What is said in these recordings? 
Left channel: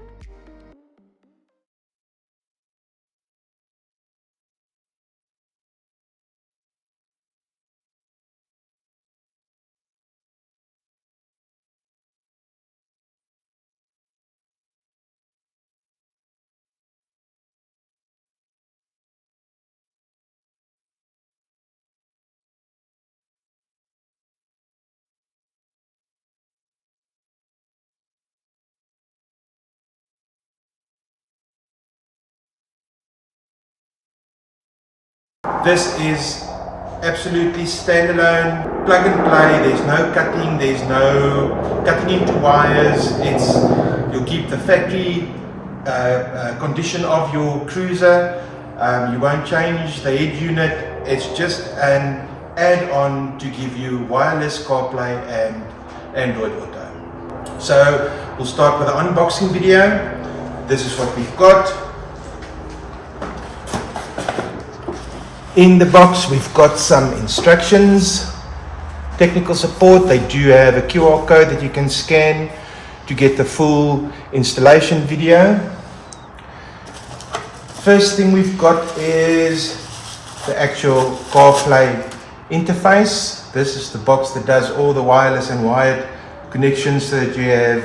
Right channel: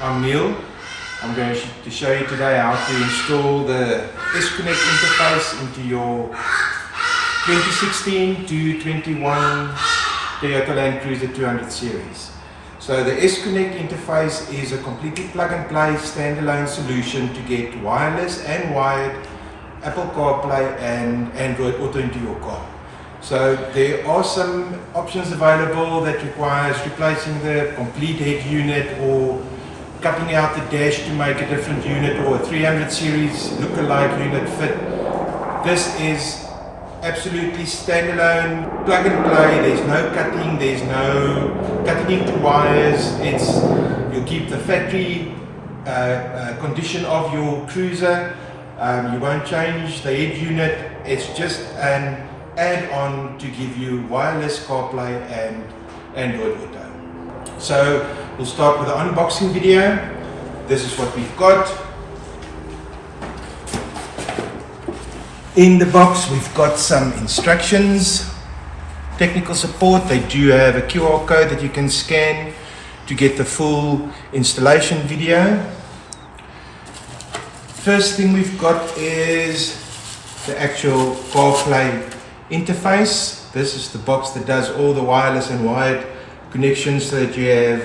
I'm Neil. I'm going to show you today how to install the S-Connect interface into your 2016 to 21 Toyota Land Cruiser 200 series. So the S-Connect interface is a completely plug-and-play standalone solution to get wireless and wired Apple Carplay and Android Auto into your car. So there are some options available that requires replacing the complete head unit or cutting out the dash to make a different unit or a 300 series look-alike unit fit. This is absolutely standalone, plug and play. There's no cutting, there's no cutting into wires. You'll keep the factory condition of your cruiser. You won't change the head unit. It's just an add-on to give you wireless CarPlay and Android Auto. So we'll start with the unboxing video. This is what we've got. In the box we've got some instructions, technical support. They do have a QR code that you can scan to get the full installation video. First thing we've got is the actual CarPlay interface. This is the box that does all the wireless and wired connections so that you have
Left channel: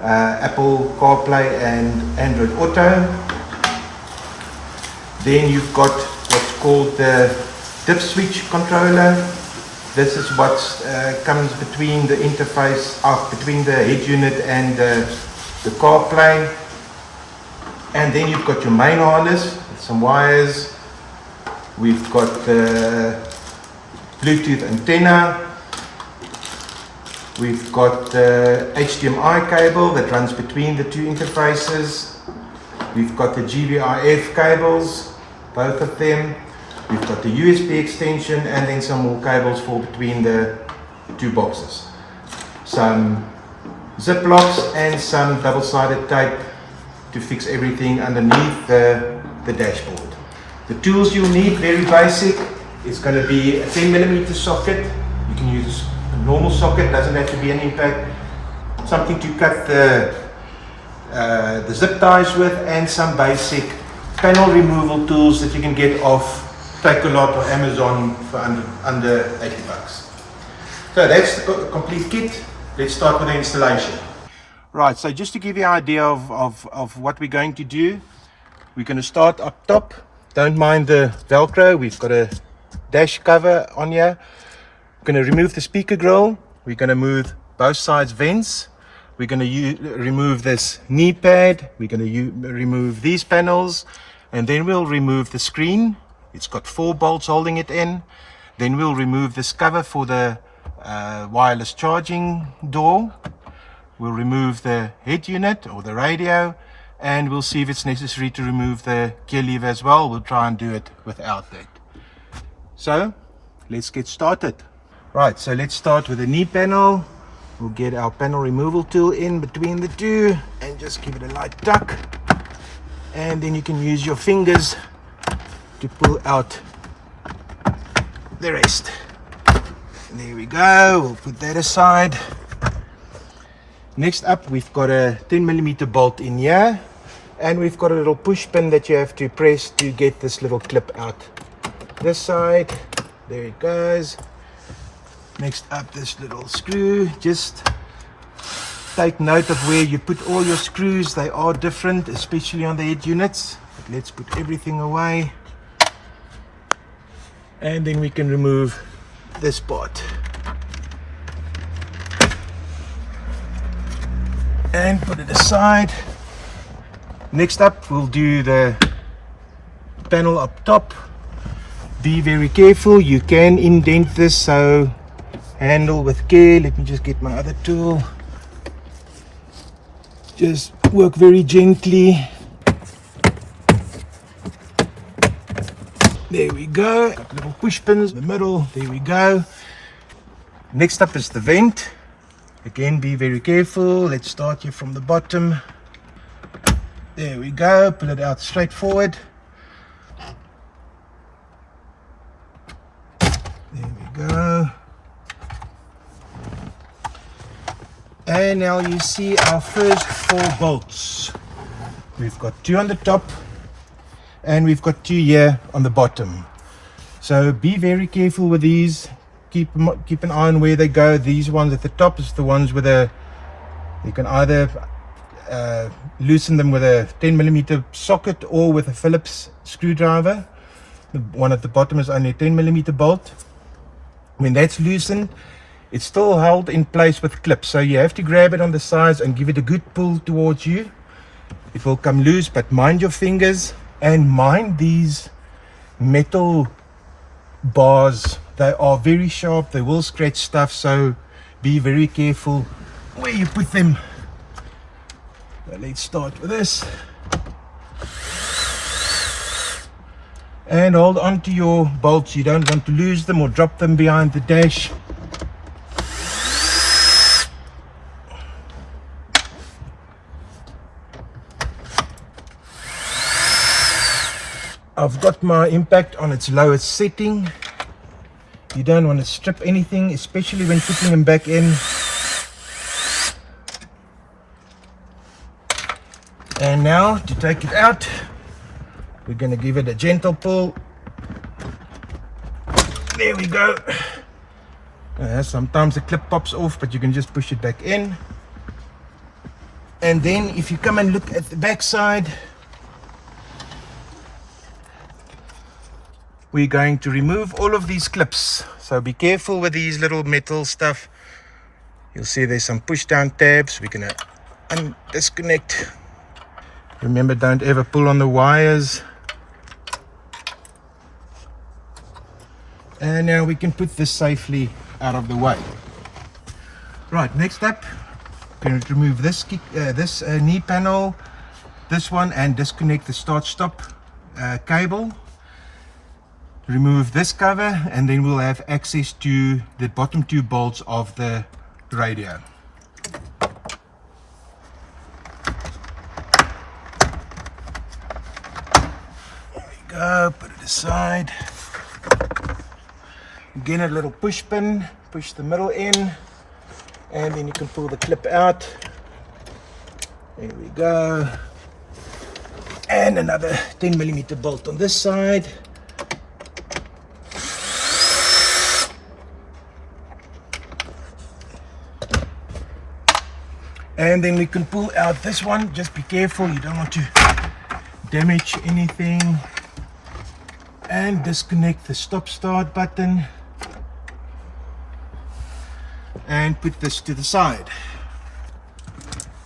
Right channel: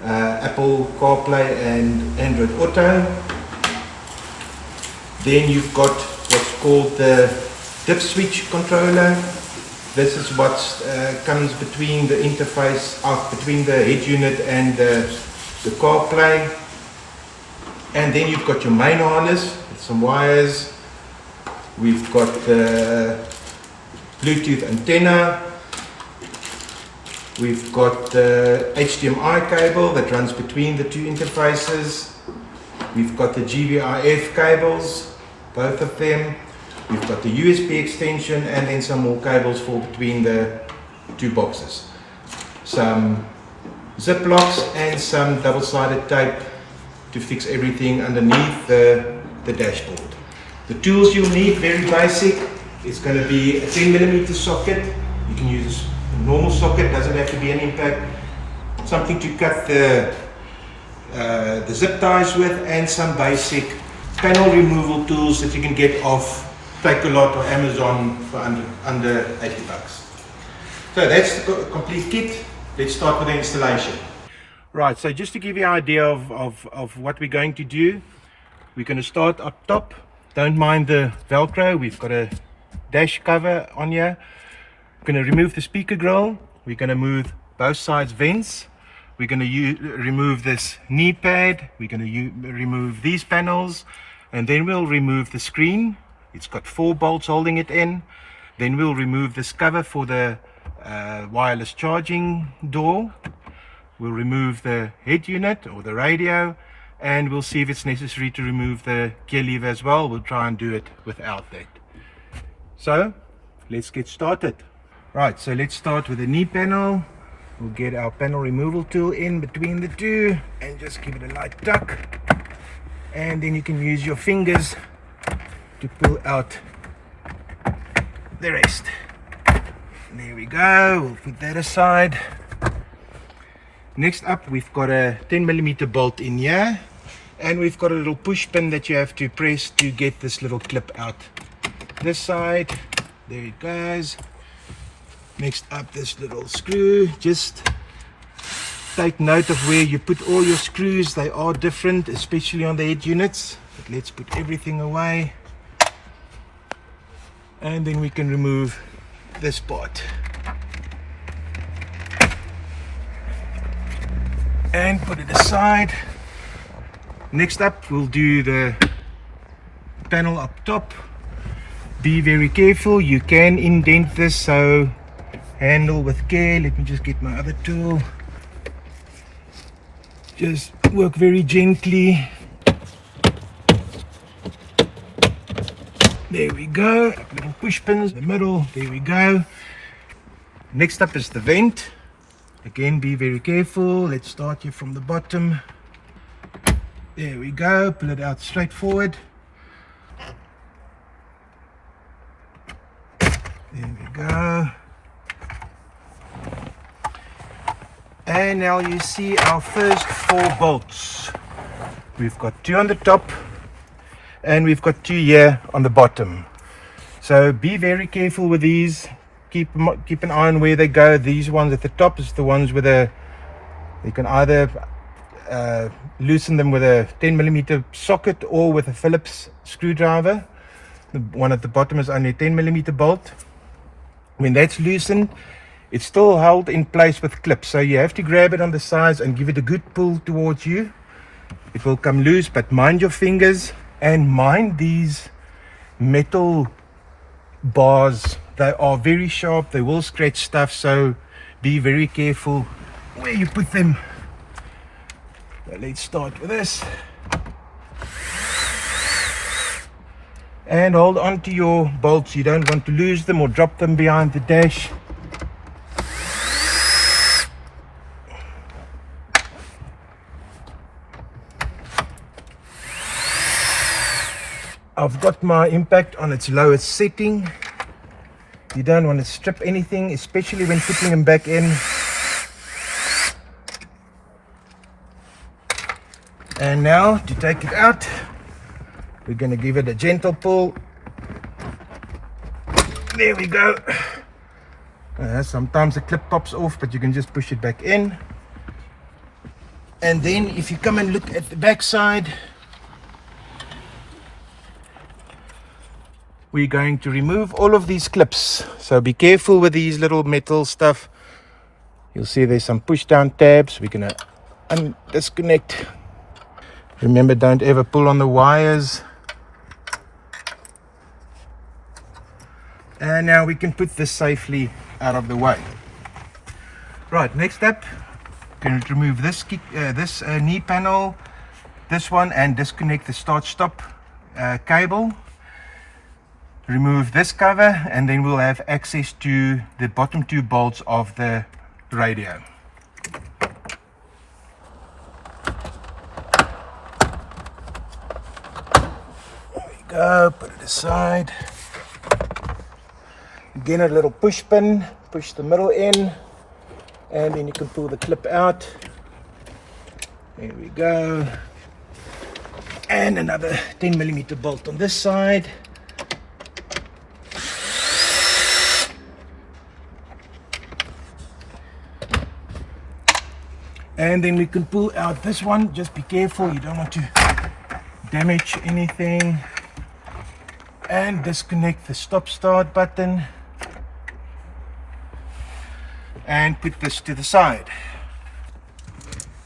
Apple CarPlay and Android Auto. Then you've got what's called the dip switch controller. This is what comes between the interface, between the head unit and the CarPlay. And then you've got your main harness with some wires. We've got Bluetooth antenna. We've got the HDMI cable that runs between the two interfaces. We've got the GBRF cables, both of them. We've got the USB extension and then some more cables for between the two boxes. Some zip locks and some double-sided tape to fix everything underneath the dashboard. The tools you'll need, very basic. It's going to be a 10mm socket. You can use a normal socket, doesn't have to be an impact. Something to cut the zip ties with, and some basic panel removal tools that you can get off Takealot or Amazon for under 80 bucks. So that's the complete kit. Let's start with the installation. Right, so just to give you an idea of what we're going to do, we're going to start up top. Don't mind the Velcro, we've got a dash cover on here. We're going to remove the speaker grill. We're going to move both sides vents. We're going to remove this knee pad. We're going to remove these panels, and then we'll remove the screen. It's got 4 bolts holding it in. Then we'll remove this cover for the wireless charging door. We'll remove the head unit or the radio, and we'll see if it's necessary to remove the gear lever as well. We'll try and do it without that. So let's get started. Right, so let's start with the knee panel. We'll get our panel removal tool in between the two and just give it a light tuck. And then you can use your fingers to pull out the rest. And there we go, we'll put that aside. Next up, we've got a 10mm bolt in here, and we've got a little push pin that you have to press to get this little clip out this side. There it goes. Next up, this little screw. Just take note of where you put all your screws. They are different, especially on the head units. But let's put everything away, and then we can remove this part and put it aside. Next up, we'll do the panel up top. Be very careful, you can indent this, so handle with care. Let me just get my other tool. Just work very gently. There we go. Got little push pins in the middle. There we go. Next up is the vent. Again, be very careful. Let's start here from the bottom. There we go. Pull it out straight forward. There we go. And now you see our first 4 bolts. We've got 2 on the top, and we've got 2 here on the bottom. So be very careful with these. Keep an eye on where they go. These ones at the top is the ones with you can either loosen them with a 10mm socket or with a Phillips screwdriver. The one at the bottom is only a 10mm bolt. When that's loosened, it's still held in place with clips, so you have to grab it on the sides and give it a good pull towards you. It will come loose, but mind your fingers and mind these metal bars. They are very sharp, they will scratch stuff, so be very careful where you put them. So let's start with this. And hold on to your bolts. You don't want to lose them or drop them behind the dash. I've got my impact on its lowest setting. You don't want to strip anything, especially when putting them back in. And now to take it out, we're going to give it a gentle pull. There we go. Sometimes the clip pops off, but you can just push it back in. And then if you come and look at the back side, we're going to remove all of these clips. So be careful with these little metal stuff. You'll see there's some push down tabs. We're going to disconnect. Remember, don't ever pull on the wires. And now we can put this safely out of the way. Right, next up, going to remove this knee panel, this one, and disconnect the start-stop cable. Remove this cover, and then we'll have access to the bottom 2 bolts of the radio. There we go, put it aside. Again, a little push pin, push the middle in, and then you can pull the clip out. There we go. And another 10mm bolt on this side. And then we can pull out this one. Just be careful, you don't want to damage anything. And disconnect the stop start button. And put this to the side.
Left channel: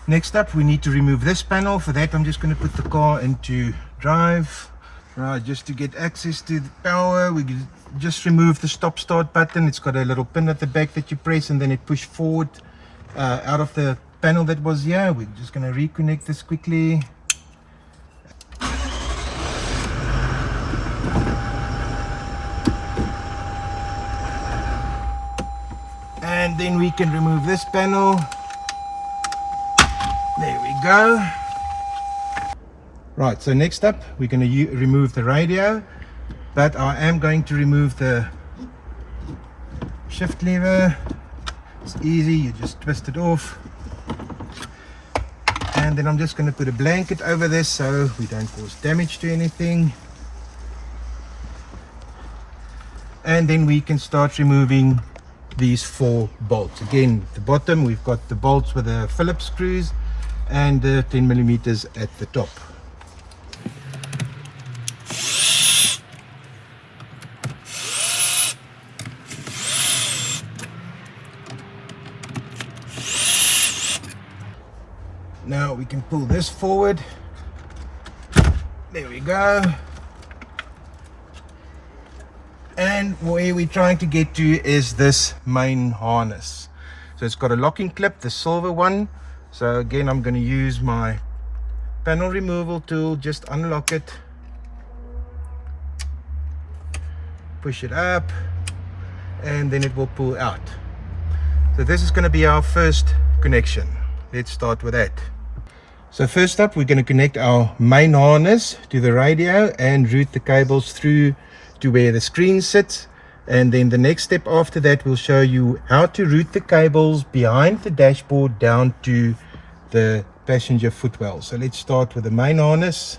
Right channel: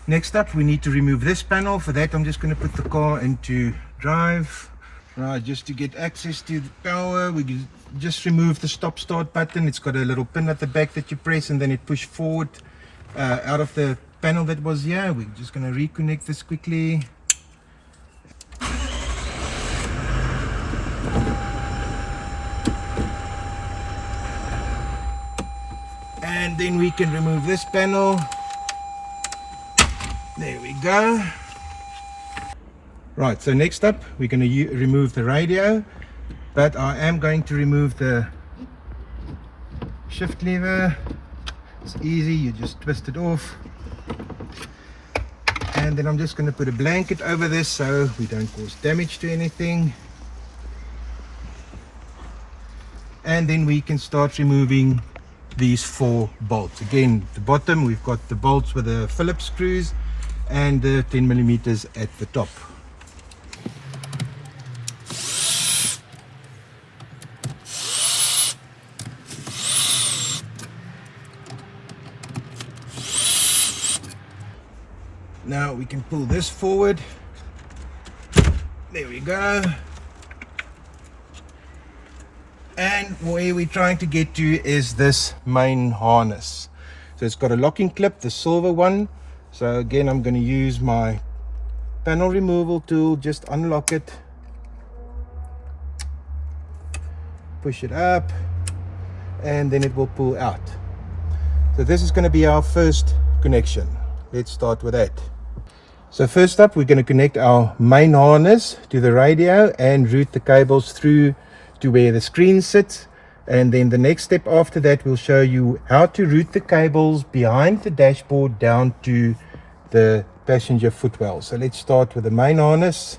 Next up, we need to remove this panel. For that, I'm just going to put the car into drive. Right, just to get access to the power, we can just remove the stop start button. It's got a little pin at the back that you press, and then it push forward out of the panel that was here. We're just going to reconnect this quickly. And then we can remove this panel. There we go. Right, so next up we're going to remove the radio, but I am going to remove the shift lever. It's easy, you just twist it off. And then I'm just going to put a blanket over this so we don't cause damage to anything. And then we can start removing these 4 bolts. Again, the bottom we've got the bolts with the Phillips screws and the 10mm at the top. Now we can pull this forward. There we go. And where we're trying to get to is this main harness. So it's got a locking clip, the silver one. So again, I'm going to use my panel removal tool, just unlock it, push it up, and then it will pull out. So this is going to be our first connection. Let's start with that. So first up, we're going to connect our main harness to the radio and route the cables through to where the screen sits. And then the next step after that will show you how to route the cables behind the dashboard down to the passenger footwell. So let's start with the main harness.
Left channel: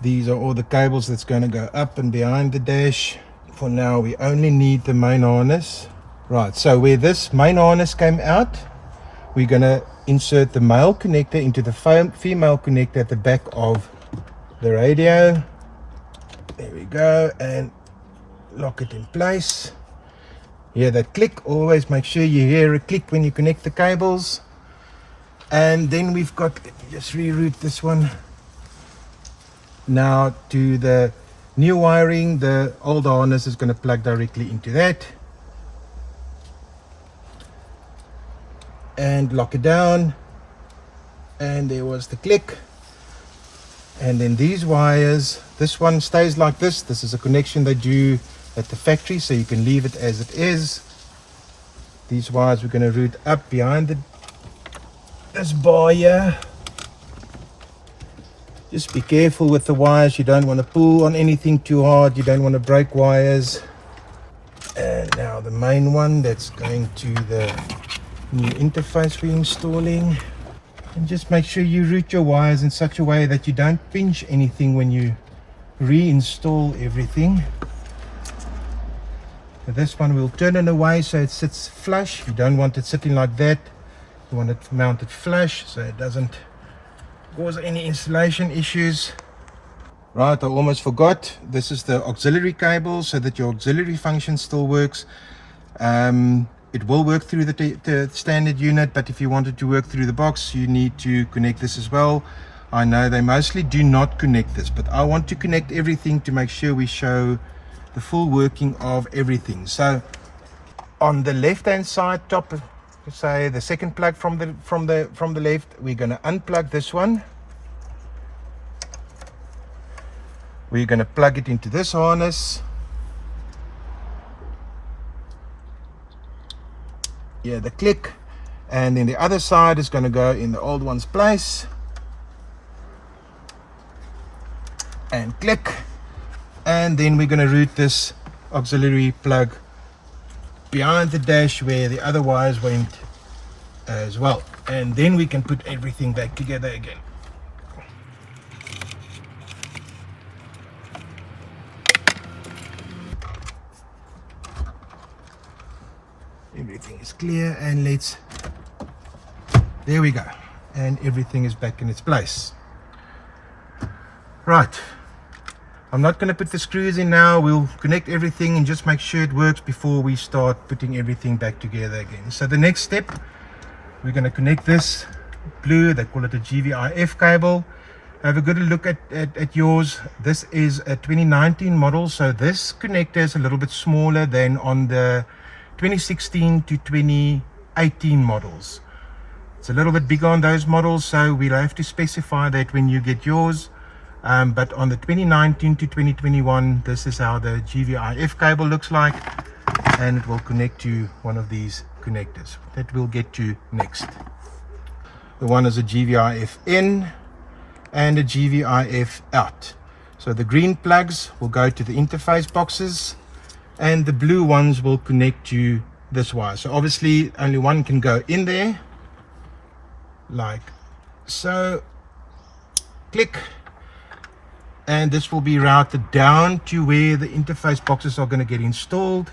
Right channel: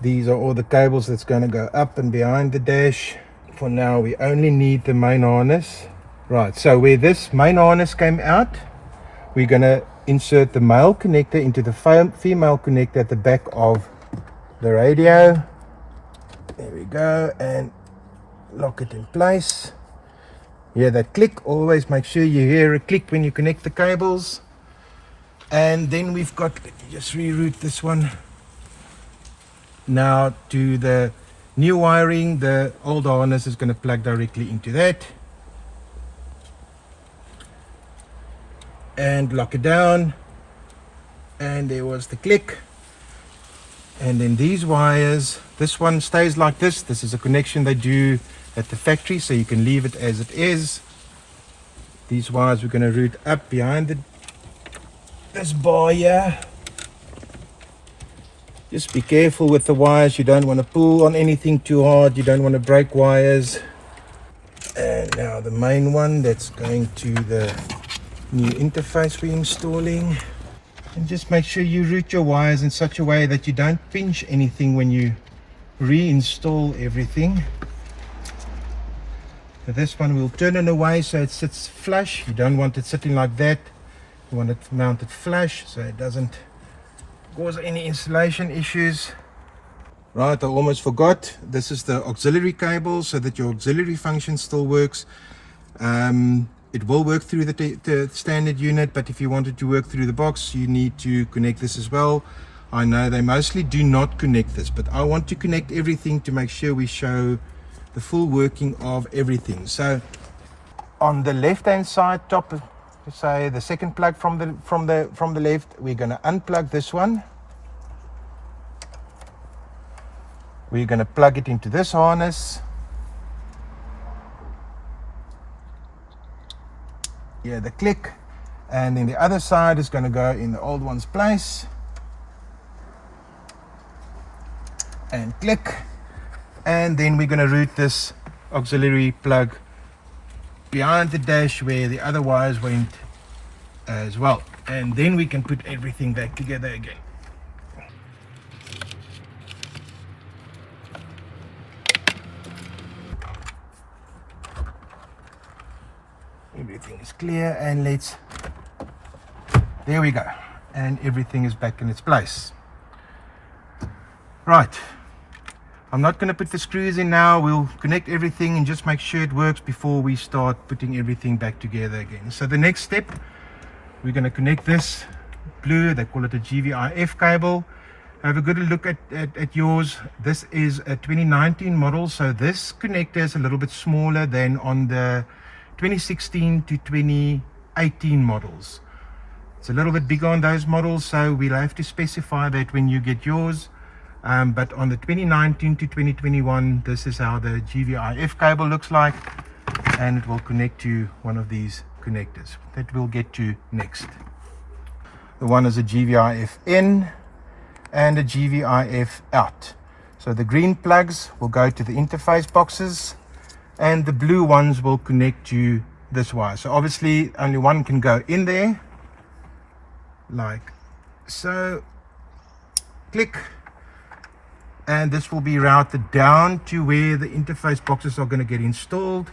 These are all the cables that's going to go up and behind the dash. For now we only need the main harness. Right, so where this main harness came out, we're going to insert the male connector into the female connector at the back of the radio. There we go, and lock it in place. Hear that click? Always make sure you hear a click when you connect the cables. And then we've got, let me just reroute this one. Now to the new wiring, the old harness is going to plug directly into that. And lock it down. And there was the click. And then these wires, this one stays like this. This is a connection they do at the factory, so you can leave it as it is. These wires we're going to route up behind this bar here. Just be careful with the wires. You don't want to pull on anything too hard. You don't want to break wires. And now the main one that's going to the new interface we're installing. And just make sure you route your wires in such a way that you don't pinch anything when you reinstall everything. So this one will turn it away so it sits flush. You don't want it sitting like that. You want it mounted flush so it doesn't cause any installation issues. Right, I almost forgot. This is the auxiliary cable so that your auxiliary function still works. It will work through the standard unit, but if you wanted to work through the box, you need to connect this as well. I know they mostly do not connect this, but I want to connect everything to make sure we show the full working of everything. So on the left hand side top, say the second plug from the left, we're going to unplug this one. We're going to plug it into this harness. Yeah, the click, and then the other side is going to go in the old one's place and click, and then we're going to route this auxiliary plug behind the dash where the other wires went as well, and then we can put everything back together again. Everything is clear, and there we go, and everything is back in its place. Right, I'm not going to put the screws in now. We'll connect everything and just make sure it works before we start putting everything back together again. So the next step, we're going to connect this blue, they call it a GVIF cable. Have a good look at yours. This is a 2019 model, so this connector is a little bit smaller than on the 2016 to 2018 models. It's a little bit bigger on those models, so we'll have to specify that when you get yours. But on the 2019 to 2021, this is how the GVIF cable looks like, and it will connect to one of these connectors that we'll get to next. The one is a GVIF in and a GVIF out. So the green plugs will go to the interface boxes, and the blue ones will connect to this wire. So obviously only one can go in there, like so. Click, and this will be routed down to where the interface boxes are going to get installed,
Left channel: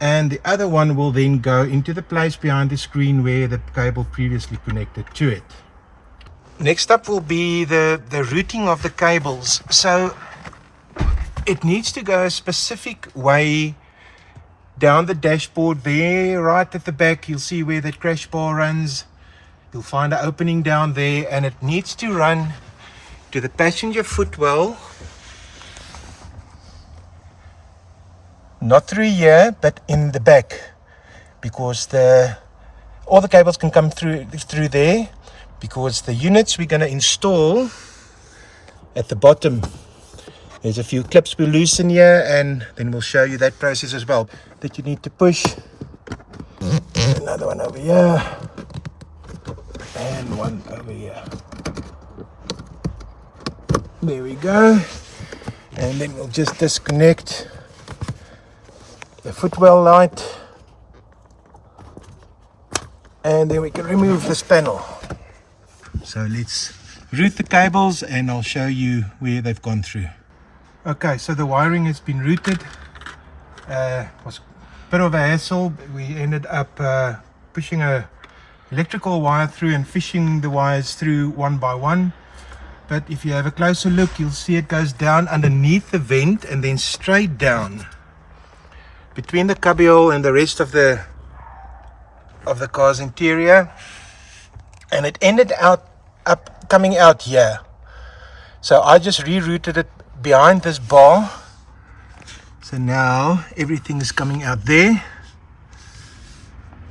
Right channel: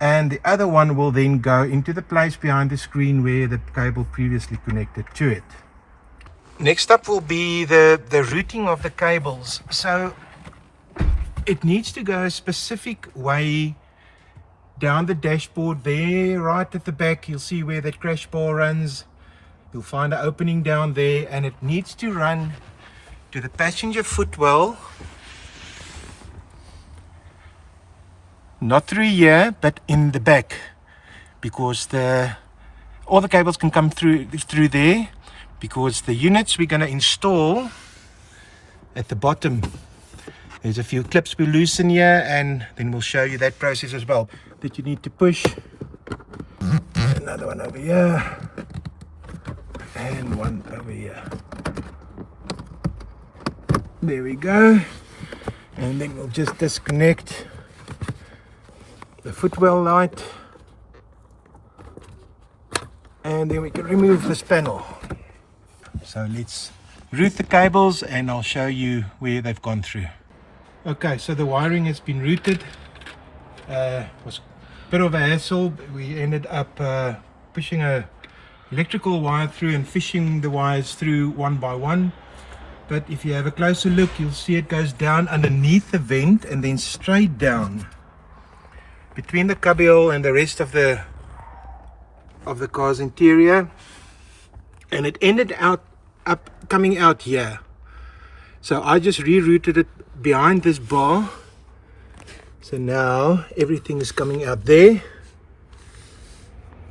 and the other one will then go into the place behind the screen where the cable previously connected to it. Next up will be the routing of the cables. So it needs to go a specific way down the dashboard there, right at the back. You'll see where that crash bar runs. You'll find an opening down there, and it needs to run to the passenger footwell, not through here but in the back, because all the cables can come through there, because the units we're going to install at the bottom, there's a few clips we'll loosen here, and then we'll show you that process as well, that you need to push. Another one over here and one over here. There we go. And then we'll just disconnect the footwell light, and then we can remove this panel. So let's route the cables and I'll show you where they've gone through. Okay, so the wiring has been routed. Was a bit of a hassle. We ended up pushing a electrical wire through and fishing the wires through one by one. But if you have a closer look, you'll see it goes down underneath the vent and then straight down between the cubbyhole and the rest of the car's interior, and it ended up coming out here. So I just rerouted it behind this bar. So now everything is coming out there.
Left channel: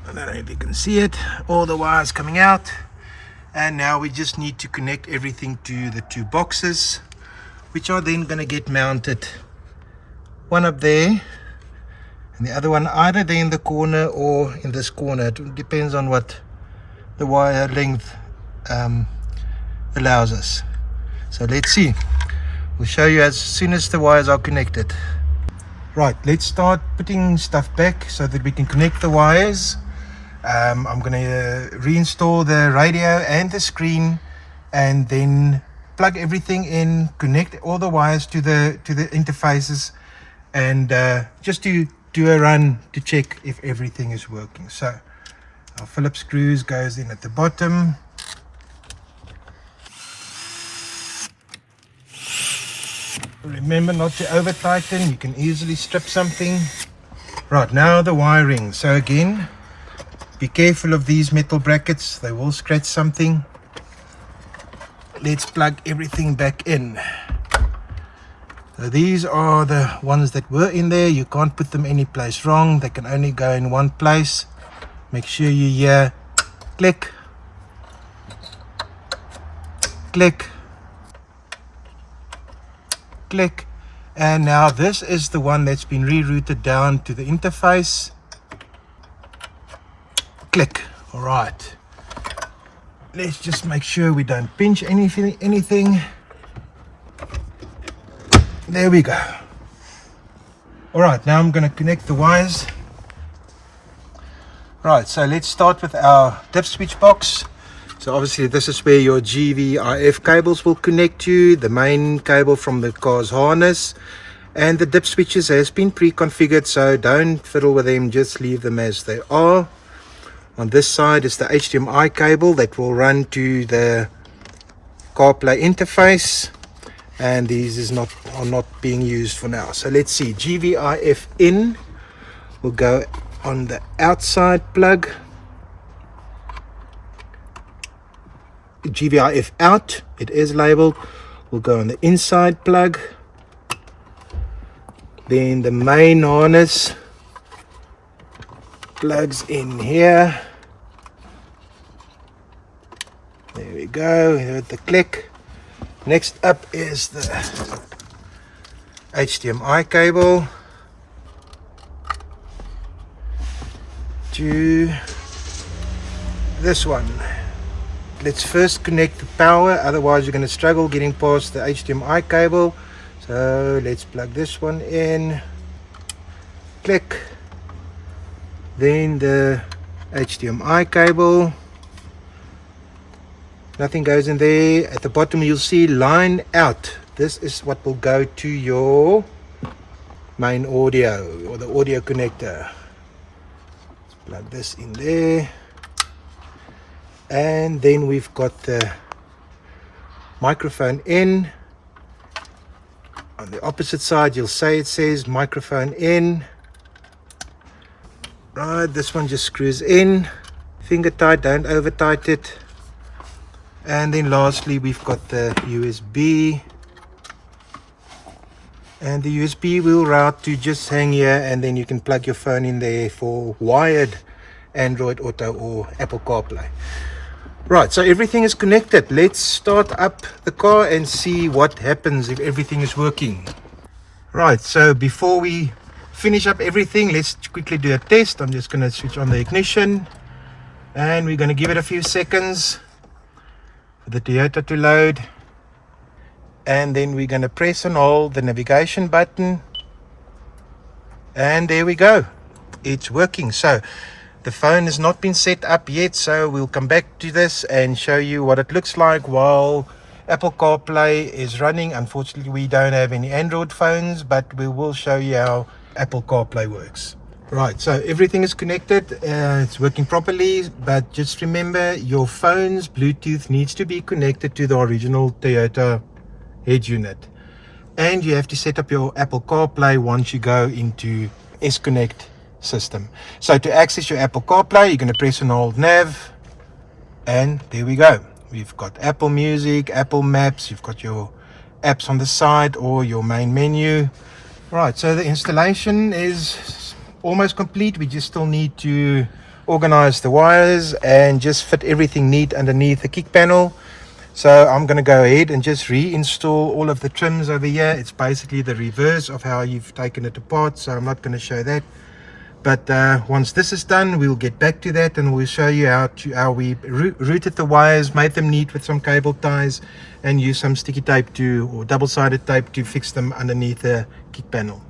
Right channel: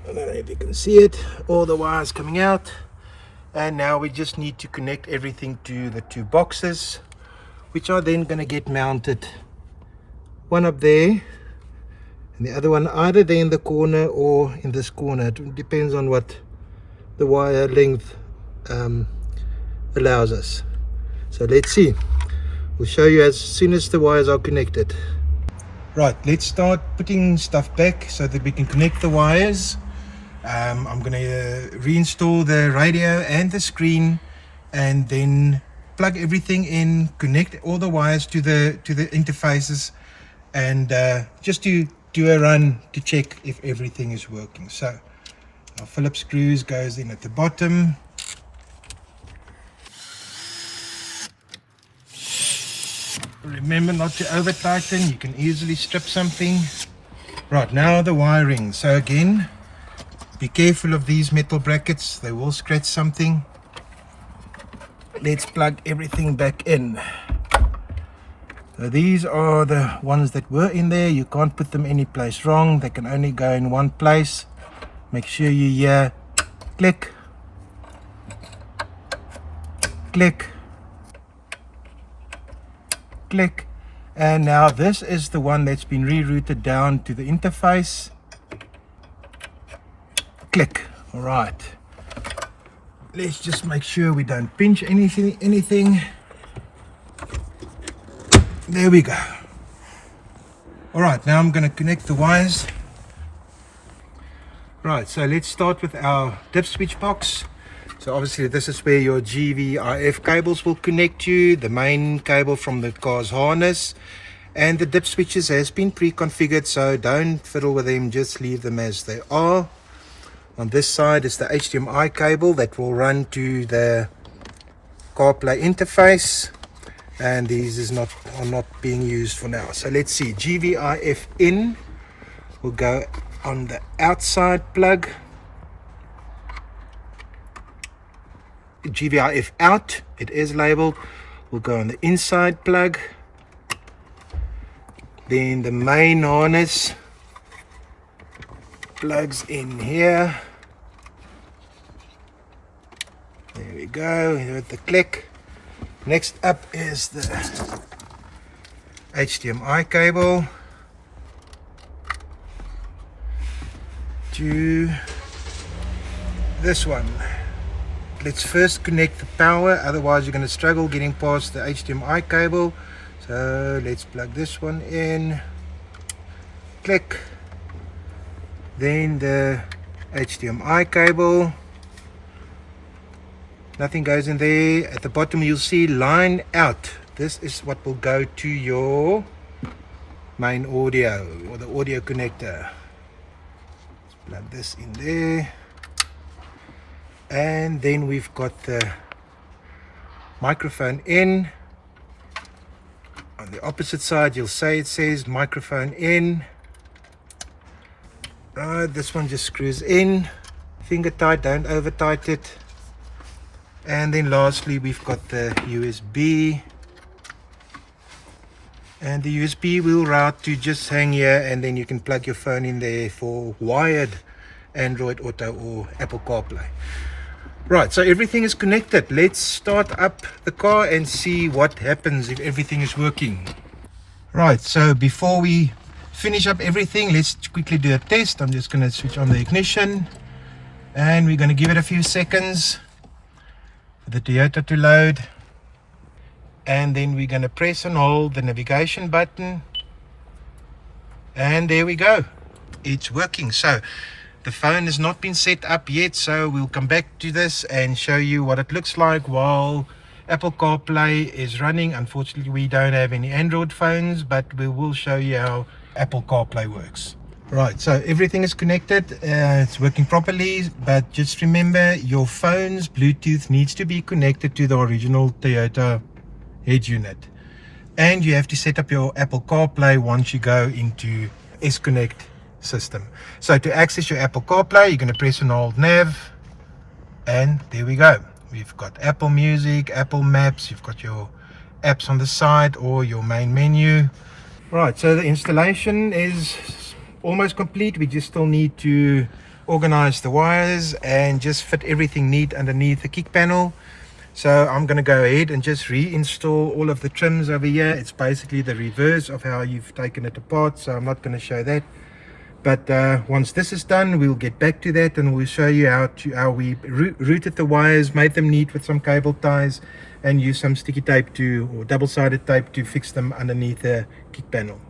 I don't know if you can see it, all the wires coming out. And now we just need to connect everything to the two boxes, which are then going to get mounted, one up there and the other one either there in the corner or in this corner. It depends on what the wire length allows us. So let's see. We'll show you as soon as the wires are connected. Right, let's start putting stuff back so that we can connect the wires. I'm going to reinstall the radio and the screen and then plug everything in, connect all the wires to the interfaces, and just to do a run to check if everything is working. So our Phillips screws goes in at the bottom. Remember not to over tighten, you can easily strip something. Right, now the wiring. So again, be careful of these metal brackets, they will scratch something. Let's plug everything back in. So these are the ones that were in there. You can't put them any place wrong, they can only go in one place. Make sure you hear click, click, click. And now this is the one that's been rerouted down to the interface. Click. All right, let's just make sure we don't pinch anything. There we go. All right, now I'm going to connect the wires. Right, so let's start with our dip switch box. So obviously this is where your GVRF cables will connect to, the main cable from the car's harness, and the dip switches has been pre-configured, so don't fiddle with them, just leave them as they are. On this side is the HDMI cable that will run to the Carplay interface, and these are not being used for now. So let's see, GVRF in will go on the outside plug. GVRF out, it is labeled, will go on the inside plug. Then the main harness plugs in here. There we go, with the click. Next up is the HDMI cable to this one. Let's first connect the power, otherwise you're going to struggle getting past the HDMI cable. So let's plug this one in, click, then the HDMI cable. Nothing goes in there. At the bottom you'll see line out. This is what will go to your main audio or the audio connector. Plug this in there. And then we've got the microphone in. On the opposite side you'll say it says microphone in. Right, this one just screws in. Finger tight, don't over tight it. And then lastly we've got the USB, and the USB will route to just hang here, and then you can plug your phone in there for wired Android Auto or Apple Carplay. Right, so everything is connected. Let's start up the car and see what happens if everything is working. Right, so before we finish up everything, let's quickly do a test. I'm just going to switch on the ignition and we're going to give it a few seconds for the Toyota to load, and then we're going to press and hold the navigation button, and there we go, it's working. So The phone has not been set up yet, so we'll come back to this and show you what it looks like while Apple CarPlay is running. Unfortunately, we don't have any Android phones, but we will show you how Apple CarPlay works. Right, so everything is connected, it's working properly, but just remember your phone's Bluetooth needs to be connected to the original Toyota head unit. And you have to set up your Apple CarPlay once you go into S-Connect system. So to access your Apple CarPlay, you're going to press and hold nav, and there we go. We've got Apple Music, Apple Maps, you've got your apps on the side or your main menu. Right, so the installation is almost complete. We just still need to organize the wires and just fit everything neat underneath the kick panel. So I'm going to go ahead and just reinstall all of the trims over here. It's basically the reverse of how you've taken it apart, so I'm not going to show that. But once this is done, we'll get back to that and we'll show you how we routed the wires, made them neat with some cable ties, and use some sticky tape or double-sided tape to fix them underneath the kick panel.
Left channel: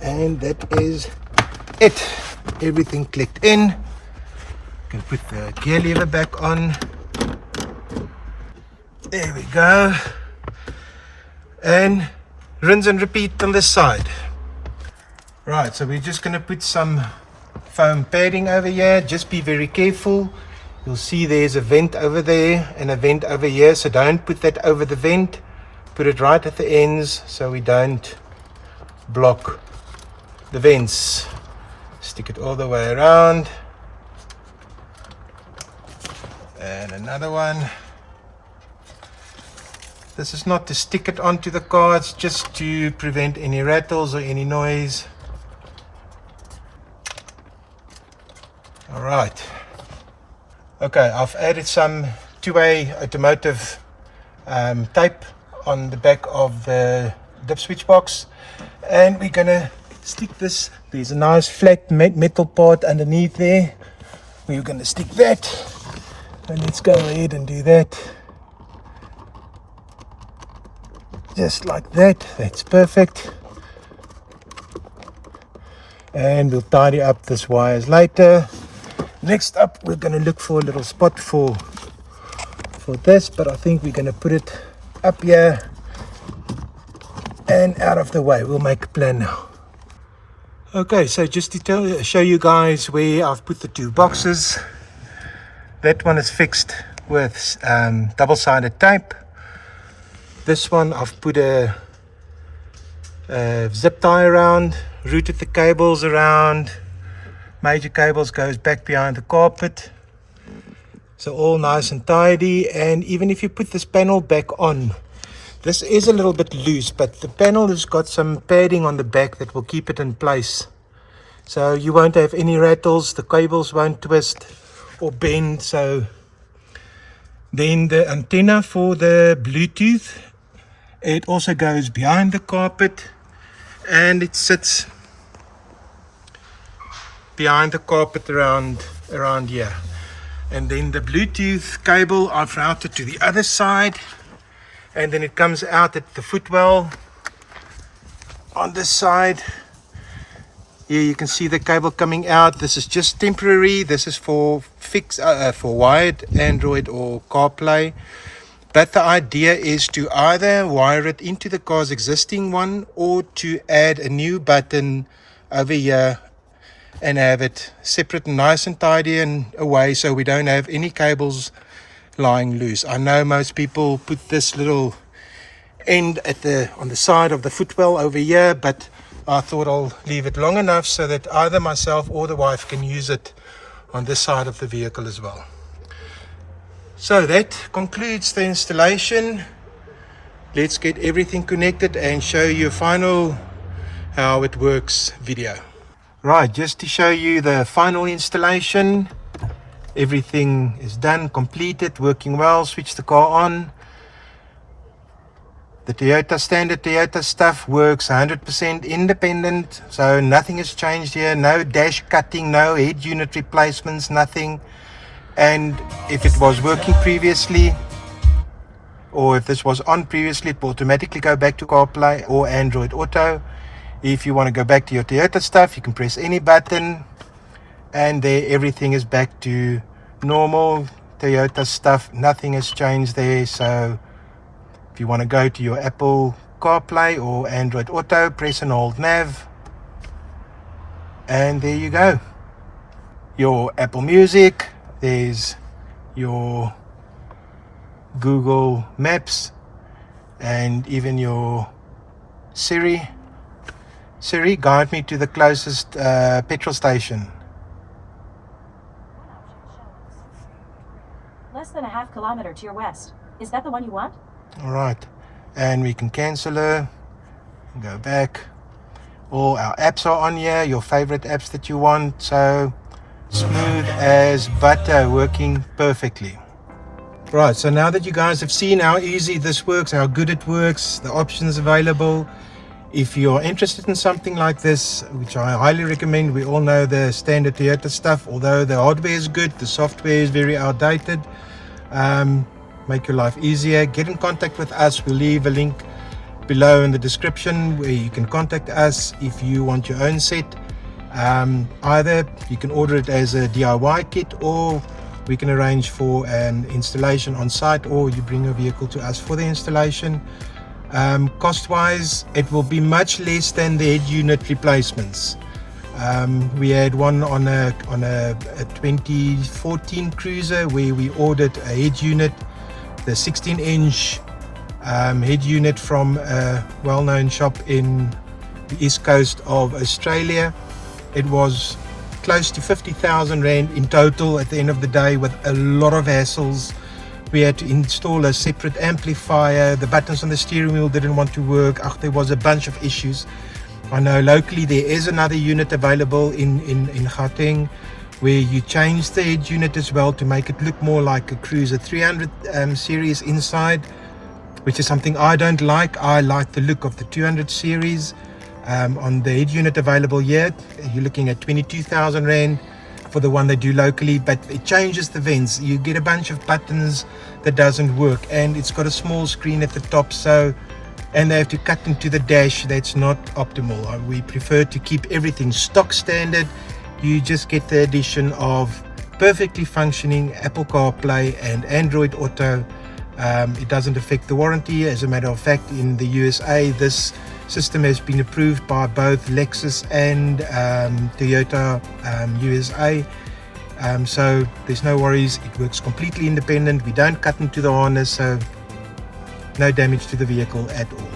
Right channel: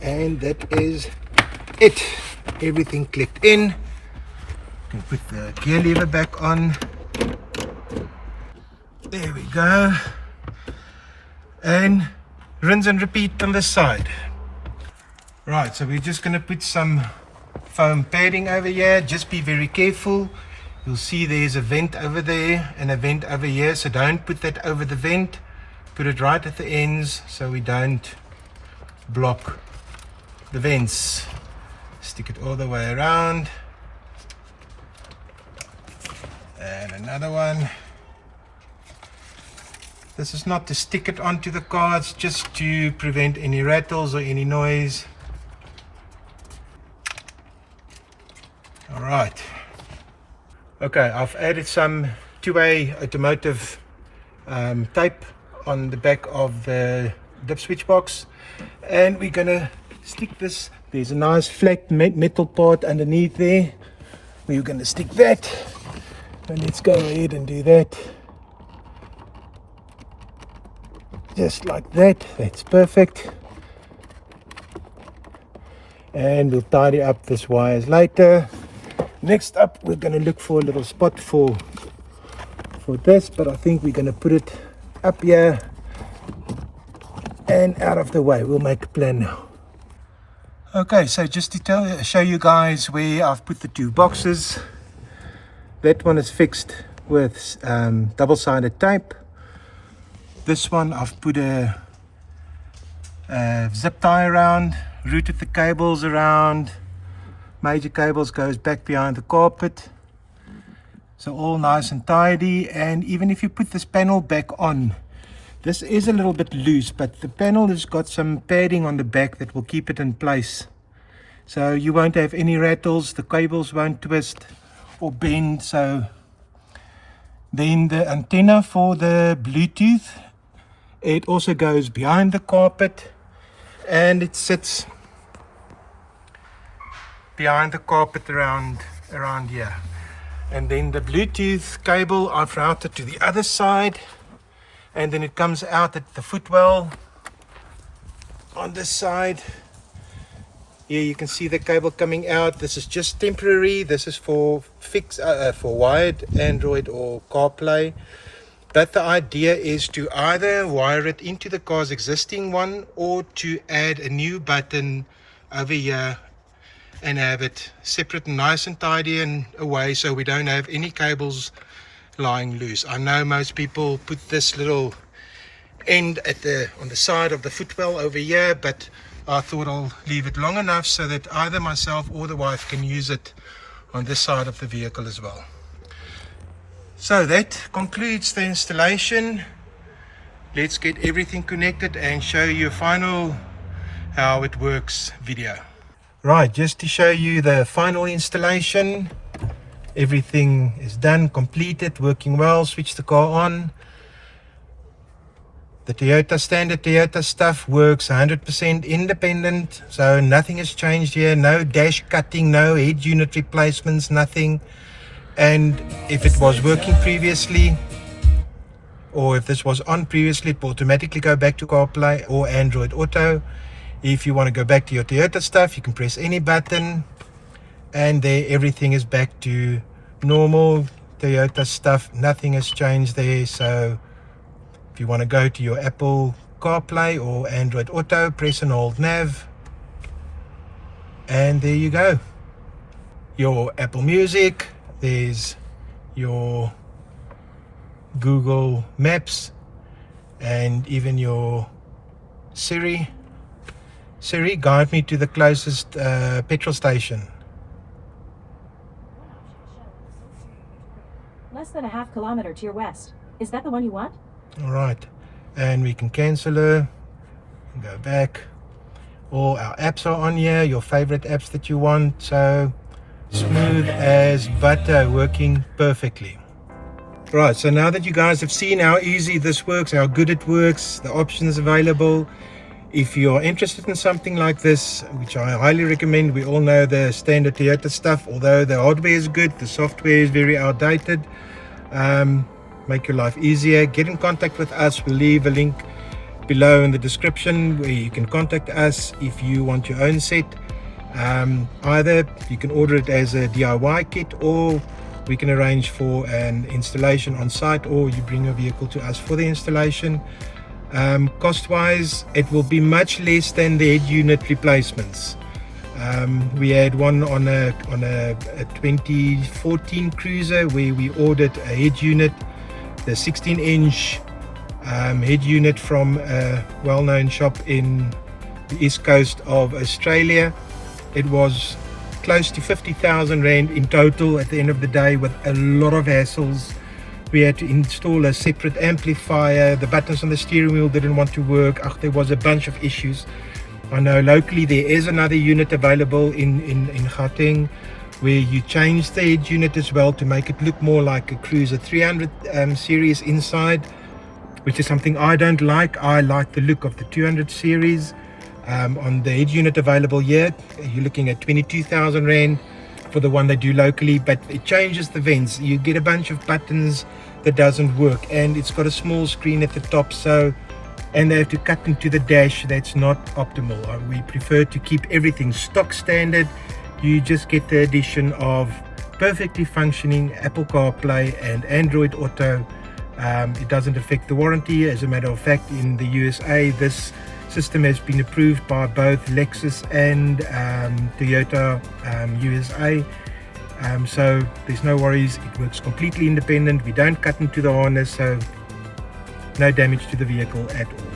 And that is it. Everything clicked in. You can put the gear lever back on. There we go. And rinse and repeat on this side. Right, so we're just going to put some foam padding over here. Just be very careful. You'll see there's a vent over there and a vent over here, so don't put that over the vent. Put it right at the ends so we don't block the vents. Stick it all the way around, and another one. This is not to stick it onto the car, it's just to prevent any rattles or any noise. Alright, okay, I've added some two-way automotive tape on the back of the dip switch box, and we're gonna stick this. There's a nice flat metal part underneath there. We're going to stick that, and let's go ahead and do that just like that. That's perfect, and we'll tidy up this wires later. Next up, we're going to look for a little spot for this, but I think we're going to put it up here and out of the way. We'll make a plan now. Okay, so just to show you guys where I've put the two boxes. That one is fixed with double-sided tape. This one I've put a zip tie around, routed the cables around. Major cables goes back behind the carpet. So all nice and tidy. And even if you put this panel back on, this is a little bit loose, but the panel has got some padding on the back that will keep it in place. So you won't have any rattles, the cables won't twist or bend. So then the antenna for the Bluetooth, it also goes behind the carpet, and it sits behind the carpet around here. And then the Bluetooth cable I've routed to the other side, and then it comes out at the footwell on this side. Here you can see the cable coming out. This is just temporary. This is for wired Android or CarPlay. But the idea is to either wire it into the car's existing one, or to add a new button over here and have it separate and nice and tidy and away, so we don't have any cables lying loose. I know most people put this little end on the side of the footwell over here, but I thought I'll leave it long enough so that either myself or the wife can use it on this side of the vehicle as well. So that concludes the installation. Let's get everything connected and show you a final how it works video. Right, just to show you the final installation. Everything is done, completed, working well. Switch the car on. The Toyota standard Toyota stuff works 100% independent, so nothing has changed here. No dash cutting, no head unit replacements, nothing. And if it was working previously, or if this was on previously, it will automatically go back to CarPlay or Android Auto. If you want to go back to your Toyota stuff, you can press any button, and there everything is back to normal Toyota stuff. Nothing has changed there. So if you want to go to your Apple CarPlay or Android Auto, press and hold nav, and there you go. Your Apple Music, there's your Google Maps, and even your Siri. Siri, guide me to the closest petrol station. Less than a half kilometer to your west. Is that the one you want? Alright, and we can cancel her, go back. All our apps are on here, your favorite apps that you want. So smooth as butter, working perfectly. Right, so now that you guys have seen how easy this works, how good it works, the options available, if you're interested in something like this, which I highly recommend, we all know the standard Toyota stuff, although the hardware is good, the software is very outdated. Make your life easier, get in contact with us. We'll leave a link below in the description where you can contact us if you want your own set. Either you can order it as a DIY kit, or we can arrange for an installation on site, or you bring your vehicle to us for the installation. Cost wise, it will be much less than the head unit replacements. We had one on a 2014 Cruiser where we ordered a head unit, the 16-inch head unit from a well-known shop in the east coast of Australia. It was close to 50,000 Rand in total at the end of the day, with a lot of hassles. We had to install a separate amplifier, the buttons on the steering wheel didn't want to work. There was a bunch of issues. I know locally there is another unit available in Gauteng where you change the head unit as well to make it look more like a Cruiser 300 series inside, which is something I don't like. I like the look of the 200 series. On the head unit available here, you're looking at 22,000 Rand for the one they do locally, but it changes the vents. You get a bunch of buttons that doesn't work, and it's got a small screen at the top, so, and they have to cut into the dash. That's not optimal. We prefer to keep everything stock standard. You just get the addition of perfectly functioning Apple CarPlay and Android Auto. It doesn't affect the warranty. As a matter of fact, in the USA, this system has been approved by both Lexus and Toyota USA. So there's no worries. It works completely independent. We don't cut into the harness, so no damage to the vehicle at all.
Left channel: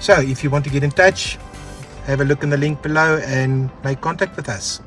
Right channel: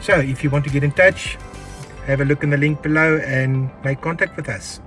So if you want to get in touch, have a look in the link below and make contact with us.